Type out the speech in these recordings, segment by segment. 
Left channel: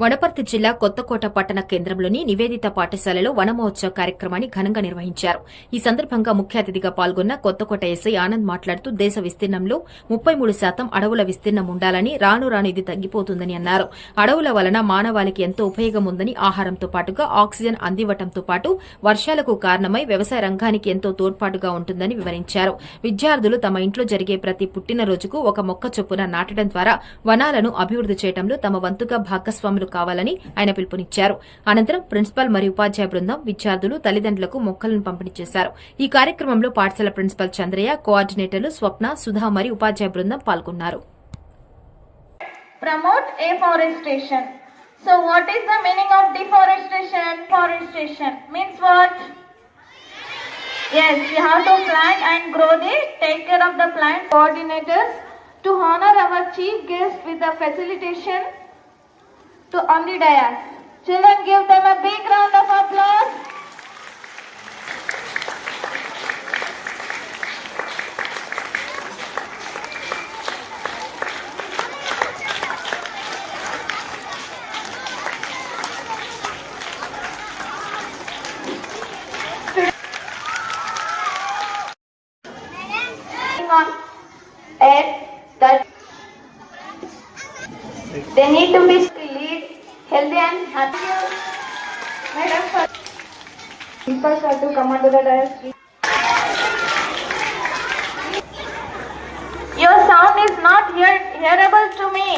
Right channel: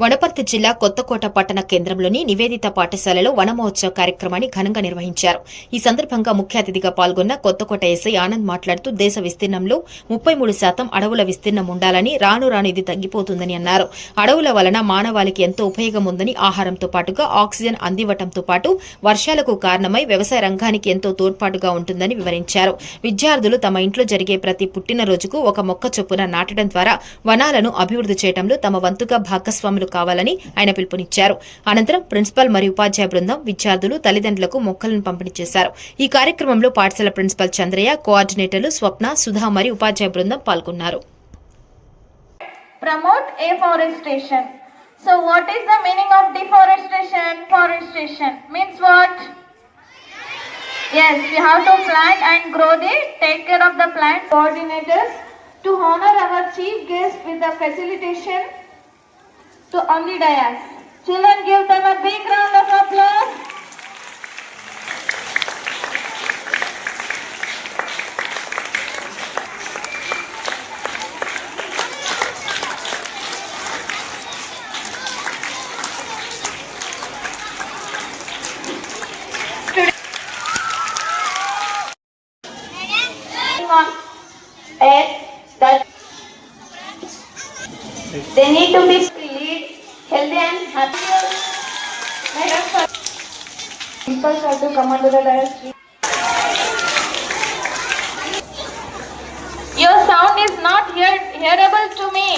వనపర్తి జిల్లా కొత్తకోట పట్టణ కేంద్రంలోని నివేదిత పాఠశాలలో వనమహోత్సవ కార్యక్రమాన్ని ఘనంగా నిర్వహించారు. ఈ సందర్భంగా ముఖ్య అతిథిగా పాల్గొన్న కొత్తకోట ఎస్ఐ ఆనంద్ మాట్లాడుతూ దేశ విస్తీర్ణంలో ముప్పై మూడు శాతం అడవుల విస్తీర్ణం ఉండాలని రాను రాను ఇది తగ్గిపోతుందని అన్నారు. అడవుల వలన మానవాళికి ఎంతో ఉపయోగం ఉందని ఆహారంతో పాటుగా ఆక్సిజన్ అందివ్వటంతో పాటు వర్షాలకు కారణమై వ్యవసాయ రంగానికి ఎంతో తోడ్పాటుగా ఉంటుందని వివరించారు. విద్యార్థులు తమ ఇంట్లో జరిగే ప్రతి పుట్టినరోజుకు ఒక మొక్క చొప్పున నాటడం ద్వారా వనాలను అభివృద్ధి చేయడంలో తమ వంతుగా భాగస్వాములు కావాలని ఆయన పిలుపునిచ్చారు అనంతరం ప్రిన్సిపల్ మరియు ఉపాధ్యాయ బృందం విద్యార్థులు తల్లిదండ్రులకు మొక్కలను పంపిణీ చేశారు ఈ కార్యక్రమంలో పాఠశాల ప్రిన్సిపల్ చంద్రయ్య కోఆర్డినేటర్లు స్వప్న సుధా మరియు ఉపాధ్యాయ బృందం పాల్గొన్నారు promote afforestation. So what is the meaning of deforestation? Forestation means what? Yes, we have to plant and grow the, take care of the plant coordinators to honor our chief guest with the facilitation to the. Children give them a big round of applause. Pets eh, that they need to be healthy and happy. Us People have to come onto the dais. Your sound is not hear- hearable to me.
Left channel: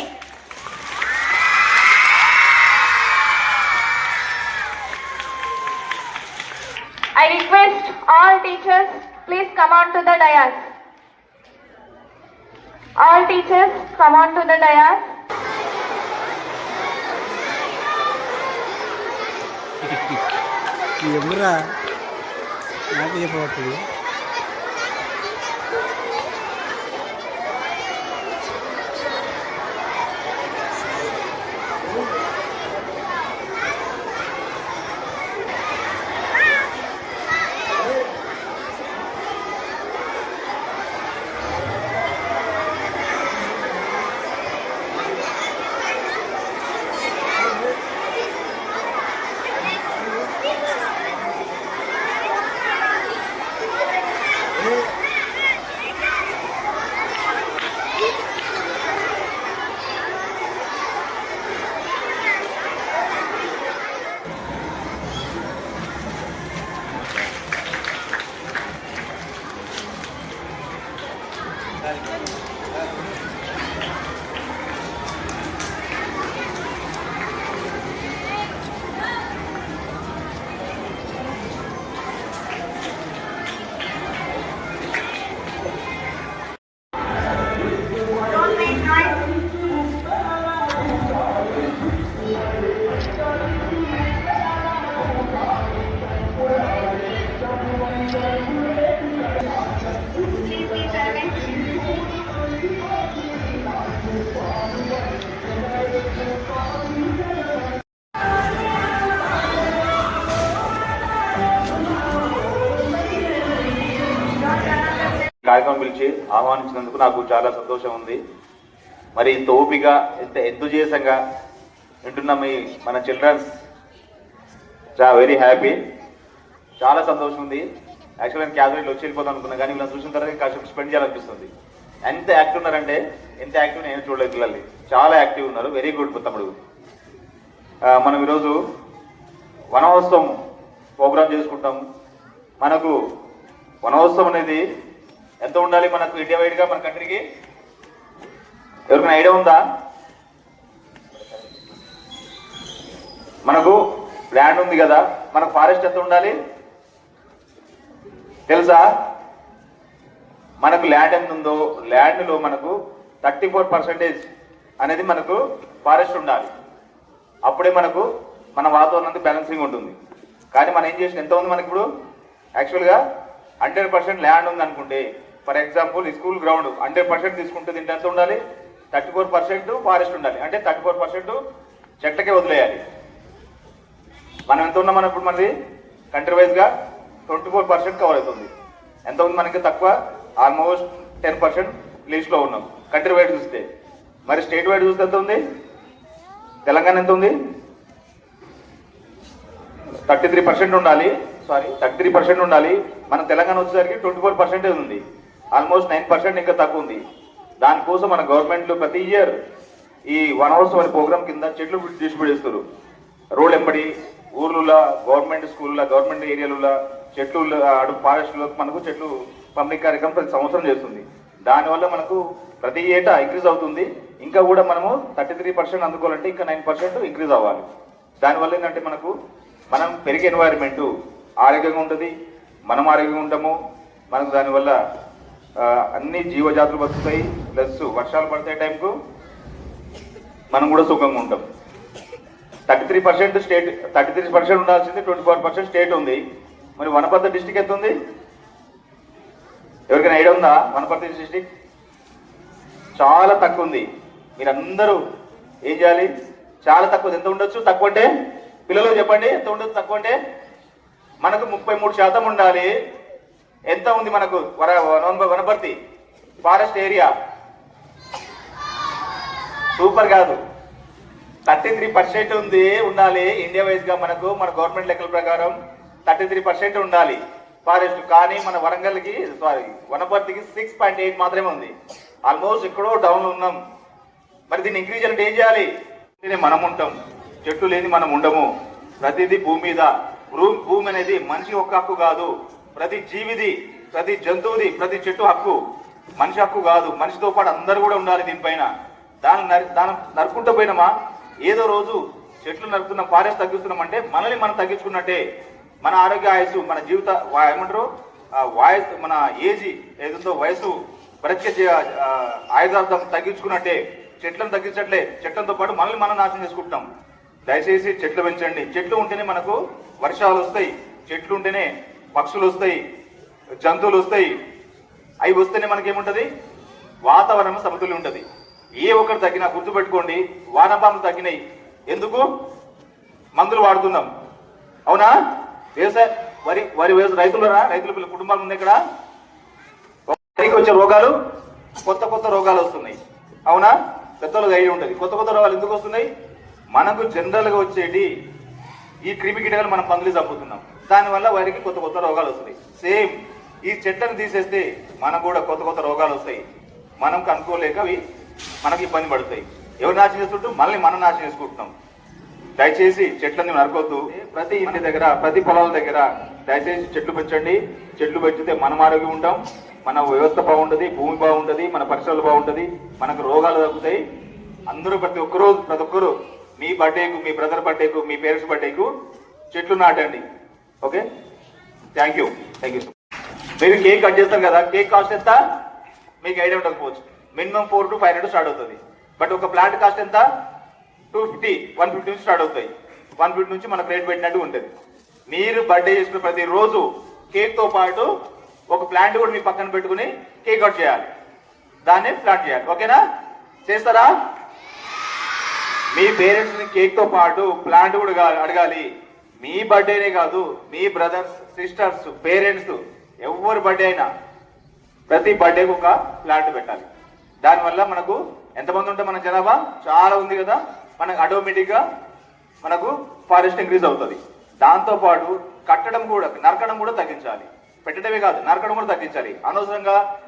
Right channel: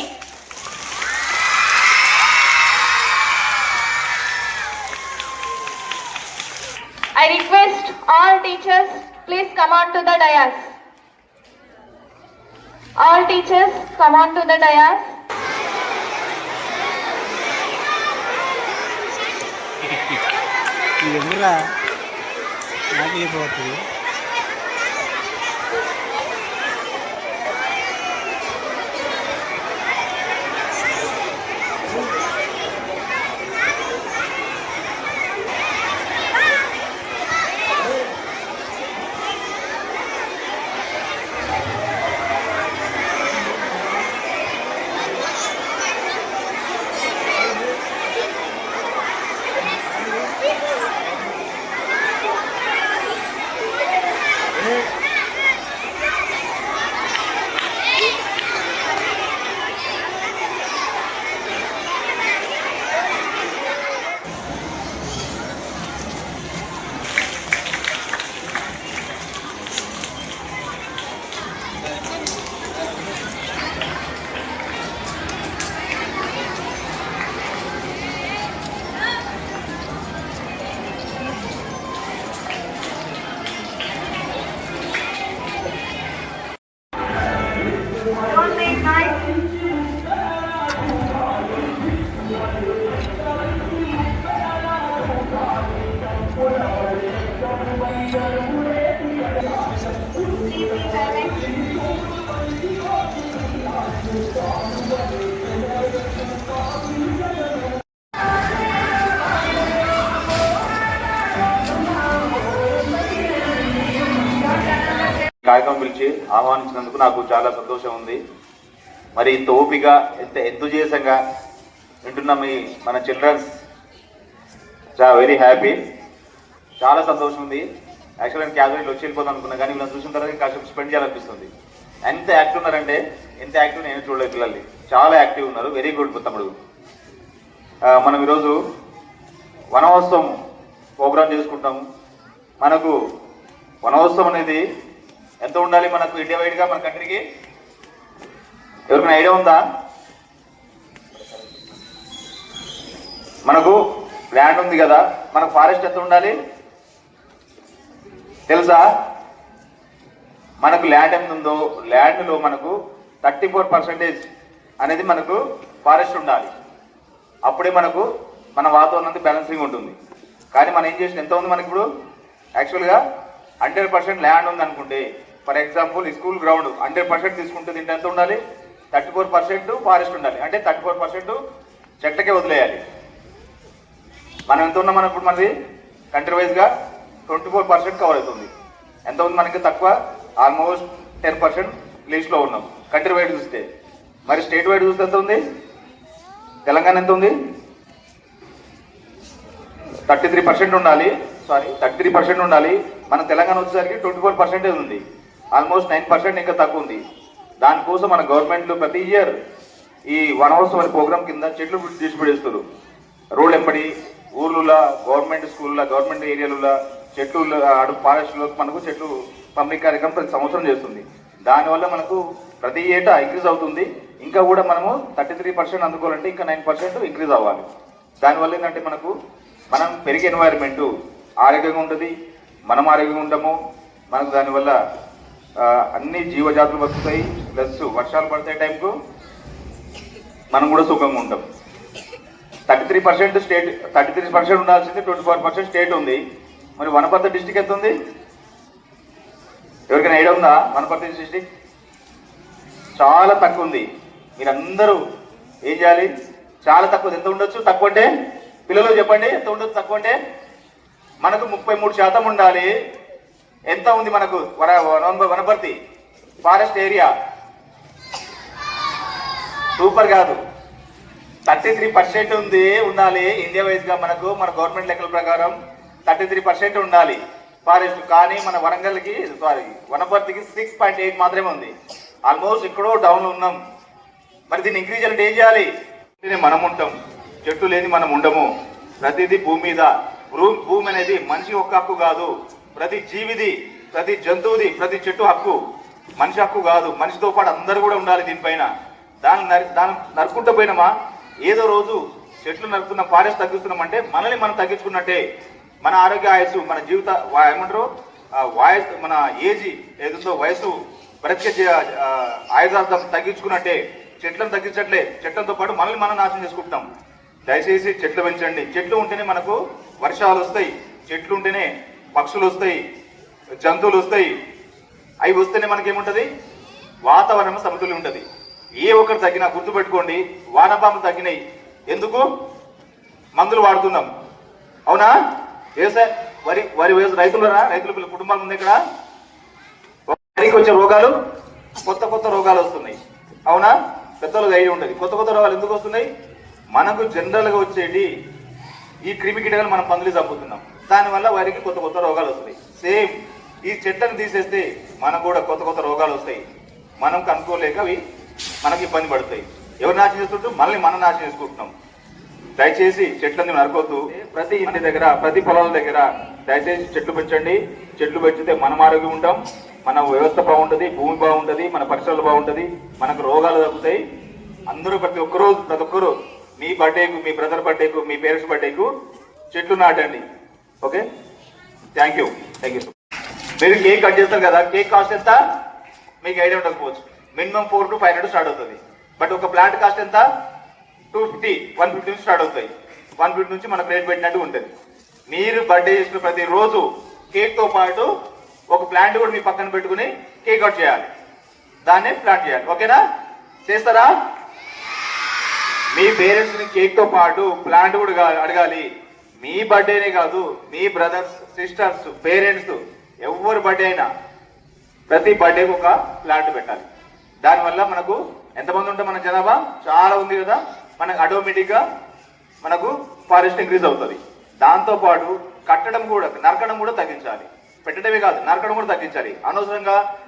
I request all teachers, please come on to the dais. All teachers, come on to the dais. ఎందుకురా నాకు కార్యక్రమం పిలిచి ఆహ్వానించినందుకు నాకు చాలా సంతోషం ఉంది. మరి ఇంత ఓపిక ఇంత ఎంతుజేసంగా వింటున్న మీ మన చిల్డ్రన్స్. చాలా వెరీ హ్యాపీ. చాలా సంతోషం ఉంది. యాక్చువల్గా నేను క్యాజువల్ వచ్చి వెళ్ళిపోతాను అనుకున్నా కానీ వీళ్ళని చూసిన తర్వాత కాసేపు స్పెండ్ చేయాలనిపిస్తుంది. ఎంత యాక్టివ్ ఉన్నారంటే ఎంత యాక్టివ్ నేను చూడలేదు పిల్లల్ని. చాలా యాక్టివ్ ఉన్నారు. వెరీ గుడ్ తమ్ముడు మనం ఈరోజు వనోత్సవం ప్రోగ్రామ్ చేసుకుంటాము మనకు వనోత్సవం అనేది ఎంత ఉండాలి మనకు ఇండియా వైడ్గా మన కంట్రీకి ఎవరికైనా ఐడియా ఉందా? మనకు ల్యాండ్ ఉంది కదా మనకు ఫారెస్ట్ ఎంత ఉండాలి? తెలుసా? మనకు ల్యాండ్ ఎంత ఉందో ల్యాండ్లో మనకు థర్టీ ఫోర్ పర్సెంటేజ్ అనేది మనకు ఫారెస్ట్ ఉండాలి. అప్పుడే మనకు మన వాతావరణం బ్యాలెన్సింగ్ ఉంటుంది. కానీ మనం ఏం చేసిన? ఎంత ఉంది మనకి ఇప్పుడు యాక్చువల్గా హండ్రెడ్ పర్సెంట్ ల్యాండ్ ఉంది అనుకుంటే for example school ground hundred percent తీసుకుంటే దీంట్లో ఎంత ఉండాలి థర్టీ ఫోర్ పర్సెంట్ ఫారెస్ట్ ఉండాలి. అంటే థర్టీ ఫోర్ పర్సెంట్ చెట్టకే వదిలేయాలి. మనం ఎంత ఉన్నాం మనం ఇప్పుడు మనది కంట్రీ వైజ్గా ట్వంటీ ఫోర్ పర్సెంట్ కవర్ అవుతుంది. ఎంత ఉంది మనకి తక్కువ? ఆల్మోస్ట్ టెన్ పర్సెంట్ లీస్ట్లో ఉన్నాం. కంట్రీ వైడ్ చూస్తే. మరి స్టేట్ వైడ్ చూస్తే ఎంత ఉంది? తెలంగాణ ఎంత ఉంది? థర్టీ త్రీ పర్సెంట్ ఉండాలి. సారీ థర్టీ త్రీ పర్సెంట్ ఉండాలి. మన తెలంగాణ వచ్చేసరికి ట్వంటీ ఫోర్ పర్సెంటే ఉంది. ఆల్మోస్ట్ నైన్ పర్సెంట్ ఇంకా తక్కువ ఉంది. దానికోసం మన గవర్నమెంట్లు ప్రతి ఇయర్ ఈ వన్ అవర్స్ ప్రోగ్రామ్ కింద చెట్లు డిస్ట్రిబ్యూట్ చేస్తారు రోడ్ ఎంబడి ఊర్లలో గవర్నమెంట్ స్కూల్లో గవర్నమెంట్ ఏరియాలలో చెట్లు అడు ఫారెస్ట్లో మనకు చెట్లు పబ్లిక్ కార్యక్రమం ప్రతి సంవత్సరం చేస్తుంది. దానివల్ల మనకు ప్రతి ఏటా ఇంక్రీజ్ అవుతుంది. ఇంకా కూడా మనము థర్టీ త్రీ పర్సెంట్ అందుకోవాలంటే ఇంకా నైన్ పర్సెంట్ ఇంక్రీజ్ అవ్వాలి. దానివల్ల ఏంటంటే మనకు మనం పెరిగే ఎన్వైరన్మెంట్ ఆరోగ్యంగా ఉంటుంది మనం ఆరోగ్యంగా ఉంటాము. మనకు దానివల్ల అన్ని జీవజాతులు బతుకుతాయి ప్లస్ వర్షాలు పడితే టైంకు మనం కూడా సుఖంగా ఉంటాం. Thirty three percent state thirty three percent ఉండాల్సింది ట్వంటీ ఫోర్ పర్సెంట్ స్టేట్ ఉంది. మరి వనపర్తి డిస్టిక్ ఎంత ఉంది? ఎవరికైనా ఐడియా ఉందా వనపర్తి డిస్టిక్? చాలా తక్కువ ఉంది. మీరందరూ ఏం చేయాలి? చాలా తక్కువ ఎంత ఉండొచ్చు? తక్కువ అంటే పిల్లలు చెప్పండి ఎంత ఉండొచ్చు తక్కువ అంటే మనకు ముప్పై మూడు శాతం ఉండాలి. ఎంత ఉంది మనకు? వన వనపర్తి. Forest area. సూపర్ కాదు. థర్టీ త్రీ పర్సెంట్ ఉంది ఉండాలి. ఇండియా వైజ్గా మనకు మన గవర్నమెంట్ లెక్కల ప్రకారం థర్టీ త్రీ పర్సెంట్ ఉండాలి. ఫారెస్ట్ కానీ మన వరంగల్కి సారీ వనపర్తికి సిక్స్ పాయింట్ ఎయిట్ మాత్రమే ఉంది. ఆల్మోస్ట్ ఎక్కడో డౌన్ ఉన్నాం. మరి దీన్ని ఇంక్రీజ్ అంటే ఏం చేయాలి? మనం ఉంటాం. చెట్టు లేని మనం ఉండము. ప్రతిదీ భూమి మీద. భూమి అనేది మనిషి ఒక్క హక్కు కాదు. ప్రతి జీవిది ప్రతి జంతువుది ప్రతి చెట్టు హక్కు మనిషి హక్కు కాదు. మనిషితో పాటు అందరూ కూడా ఉండాలి దీనిపైన. దాన్ని నరి- దాన్ని నరుకుంటూ పోయినామా? ఏదో రోజు చెట్లు నరుకుతున్న ఫారెస్ట్ తగ్గిస్తున్నాం అంటే మనల్ని మనం తగ్గించుకున్నట్టే. మన ఆరోగ్య ఆయుసు మన జీవిత ఏమంటారు? ఆ వాయస్ మన ఏజ్ ఏదుందో వయసు ప్రత్యేక జీ- ఆయుధార్థం తగ్గించుకున్నట్టే. చెట్లను తగ్గించట్లే. చెట్లతో పాటు మనల్ని మనం నాశనం చేసుకుంటాం దయచేసి చెట్లు పెంచండి. చెట్లు ఉంటేనే మనకు వర్షాలు వస్తాయి. చెట్లు ఉంటేనే పక్షులు వస్తాయి జంతువులు వస్తాయి అవి వస్తేనే మనకేముంటుంది? వాతావరణం సమతుల్యం ఉంటుంది. ఏ ఒక్కరు తగ్గినా గుర్తుపెట్టుకోండి వానపాములు తగ్గినాయి. ఎందుకు? మందులు వాడుతున్నాం. అవునా? వ్యవసాయ వరి వరి వ్యవసాయ రైతులరా? రైతుల పిల్లల కుటుంబాలు ఉంది ఇక్కడ? వరికి వచ్చే రోగాలు కొత్త కొత్త రోగాలు వస్తున్నాయి. అవునా? పెద్దలకు అయి ఉంటుంది. కొత్త కొత్త రోగాలు ఎందుకు వస్తున్నాయి? మనకు జనరల్గా వచ్చేటి ఈ క్రిమి కీటకాలు మనం మందులు చంపుతున్నాం. దానివల్ల వారికి కొత్త కొత్త రోగాలు వస్తాయి. సేమ్ ఈ చెట్లను తీసేస్తే మనకు కూడా కొత్త కొత్త రోగాలు వస్తాయి. మనం కనుక్కోలేక అవి మనకి ఇబ్బంది పడతాయి. ఎవరు నాశనం చేస్తుంటూ మనల్ని మనం నాశనం చేసుకుంటున్నాం. దయచేసి చెట్లను నరకొద్దు. ప్రతి ఇంటి దగ్గర ప్రతి పొలాల దగ్గర దయచేసి చెట్లు పెంచండి. చెట్లు పెంచితే మనం ఆరోగ్యం ఉంటాం. మన వ్యవస్థ బాగుంటుంది భూమి బాగుంటుంది మన పరిసరాలు బాగుంటుంది మనకు రోగాలు తగ్గుతాయి. అందరూ ప్రతి ఒక్కరోజు ప్రతి ఒక్కరు మీ బర్త్డేకు మీ బ్రదర్ బర్త్డేకు మీ పేరెంట్స్ బర్త్డేకు చెట్లు నాటండి. Okay? Thank you thank you మీరు కేక్ కట్ చేస్తారు కదా కేక్ కాస్ట్ ఎంత? మీకు ఐడియా ఉండకపోవచ్చు. Minimum four to five hundred start అవుతుంది. బట్ ఒక ప్లాంట్ కాస్ట్ ఎంత? టూ ఫిఫ్టీ వన్ ఫిఫ్టీ నుంచి స్టార్ట్ అవుతాయి. వన్ ఫిఫ్టీ నుంచి మనకు రేట్ పెట్టినట్టు ఉంటుంది. మీరు బర్త్డే చేసుకున్న ప్రతి రోజు కేక్తో పాటు ఒక ప్లాంట్ కూడా మీ పక్కన పెట్టుకుని కేక్ కట్ చేయాలి. దాన్నే ప్లాంట్ చేయాలి. ఓకేనా? చేస్తారా? మీ పేరెంట్స్ని కేక్తో పాటు ప్లాంట్ కూడా అడగాలి. మీ బర్త్డేనే కాదు మీ బ్రదర్స్ సిస్టర్స్ పేరెంట్స్ ఎవరి బర్త్డే అయినా ప్రతి బర్త్డేకి ఒక ప్లాంట్ పెట్టాలి. దానివల్ల మనకు ఎంతమంది ఉంటే మన జనాభా? చాలా ఉంది కదా. మనకు ఆటోమేటిక్గా మనకు ఫారెస్ట్ ఇంక్రీజ్ అవుతుంది. దాంతో పాటు కట్టడం కూడా నరకడం కూడా తగ్గించాలి. పెట్టడమే కాదు నరకడం కూడా తగ్గించాలి. అనవసరంగా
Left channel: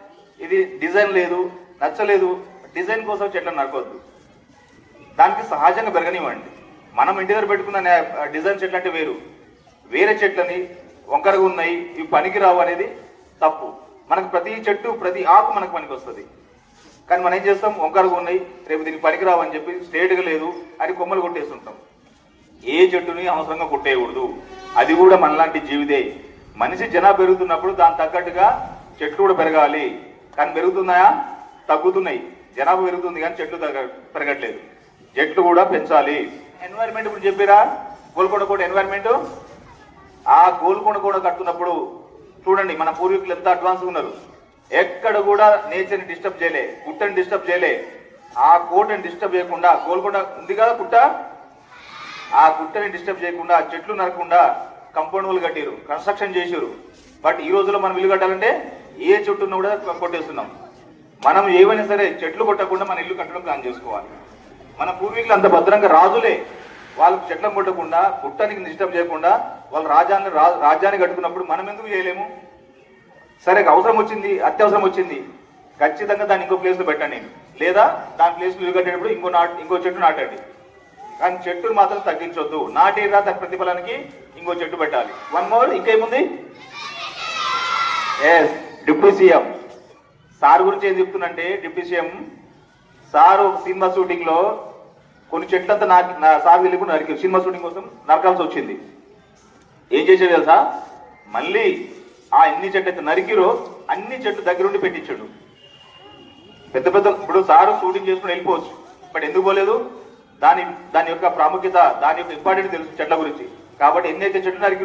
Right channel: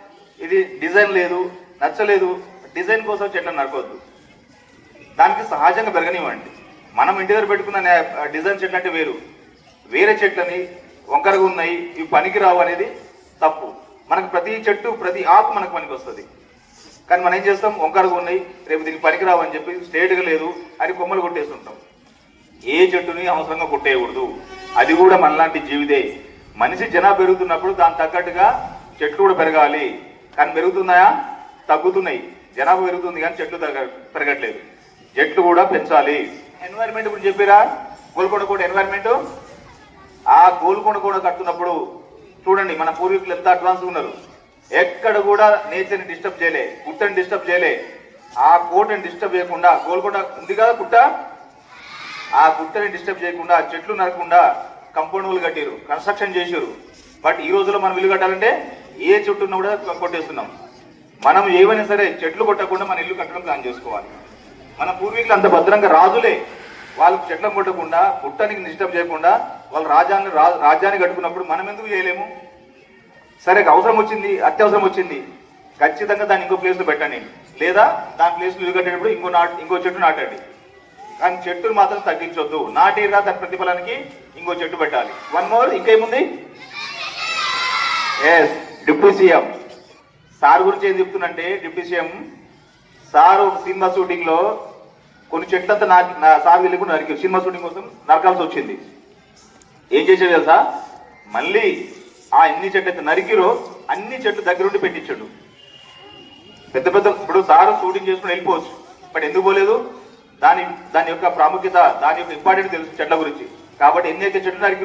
ఇది డిజైన్ లేదు నచ్చలేదు. డిజైన్ కోసం చెట్లను నరకొద్దు దానికి సహజంగా పెరగనివ్వండి. మనం ఇంటి దగ్గర పెట్టుకున్న డిజైన్ చెట్లు అంటే వేరు. వేరే చెట్లని వంకరగా ఉన్నాయి ఇవి పనికిరావు అనేది తప్పు. మనకు ప్రతి చెట్టు ప్రతి ఆకు మనకు పనికి వస్తుంది. కానీ మనం ఏం చేస్తాం? వంకరగా ఉన్నాయి రేపు దీనికి పనికిరావు అని చెప్పి స్ట్రేట్గా లేదు అని కొమ్మలు కొట్టేస్తుంటాం. ఏ చెట్టుని అవసరంగా కొట్టేయకూడదు. అది కూడా మనలాంటి జీవితే. మనిషి జనాభా పెరుగుతున్నప్పుడు దాని తగ్గట్టుగా చెట్లు కూడా పెరగాలి. కానీ పెరుగుతున్నాయా? తగ్గుతున్నాయి. జనాభా పెరుగుతుంది కానీ చెట్లు తగ్గ- పెరగట్లేదు. చెట్లు కూడా పెంచాలి. ఎన్వైర్న్మెంట్ ఇప్పుడు చెప్పిరా? గోల్కొండ కోట ఎన్వైర్న్మెంట్ ఆ గోల్కొండ కోట కట్టున్నప్పుడు చూడండి మన పూర్వీకులు ఎంత అడ్వాన్స్ ఉన్నారు. ఎక్కడ కూడా నేచర్ని డిస్టర్బ్ చేయలే గుట్టని డిస్టర్బ్ చేయలే. ఆ కోటని డిస్టర్బ్ చేయకుండా గోల్కొండ ఉంది కదా గుట్ట? ఆ గుట్టని డిస్టర్బ్ చేయకుండా చెట్లు నరకుండా కంపౌండ్ వాళ్ళు కట్టారు కన్స్ట్రక్షన్ చేశారు బట్ ఈ రోజుల్లో మనం ఇల్లు కట్టాలంటే ఏ చెట్టు ఉన్నా కూడా కొట్టేస్తున్నాం మనం ఏమైనా సరే చెట్లు కొట్టకుండా మన ఇల్లు కట్టడం ప్లాన్ చేసుకోవాలి. మన పూర్వీకులు అంత భద్రంగా రాజులే. వాళ్ళకు చెట్లం కొట్టకుండా పుట్టానికి నిష్టం చేయకుండా వాళ్ళు రాజ్యాన్ని రా- రాజ్యాన్ని కట్టుకున్నప్పుడు మనం ఎందుకు చేయలేము? సరే అవసరం వచ్చింది అత్యవసరం వచ్చింది. ఖచ్చితంగా దాన్ని ఇంకో ప్లేస్లో పెట్టండి. లేదా దాని ప్లేస్ ఇల్లు కట్టేటప్పుడు ఇంకో నాటు ఇంకో చెట్టు నాటండి. కానీ చెట్టును మాత్రం తగ్గించొద్దు. నాటేరా దాని ప్రతిఫలానికి ఇంకో చెట్టు పెట్టాలి. వన్ మోర్ ఇంకేముంది? ఎస్ డిప్యూటీ సీఎం సార్ గురించి ఏం చెప్తున్నంటే డిప్యూటీ సీఎం సార్ ఒక సినిమా షూటింగ్లో కొన్ని చెట్లంతా నాకు సాగు సార్ వెళ్ళి నరికి సినిమా షూటింగ్ కోసం నరకాల్సి వచ్చింది. ఏం చేసేది తెలుసా? మళ్ళీ ఆ ఎన్ని చెట్లు నరికిరో అన్ని చెట్లు దగ్గరుండి పెట్టించాడు. పెద్ద పెద్ద ఇప్పుడు సారు షూటింగ్ చేసుకుని వెళ్ళిపోవచ్చు. బట్ ఎందుకు పోలేదు? దాని దాని యొక్క ప్రాముఖ్యత దాని యొక్క ఇంపార్టెంట్ తెలుసు చెట్ల గురించి. కాబట్టి ఎన్ని అయితే చెట్లు నరికి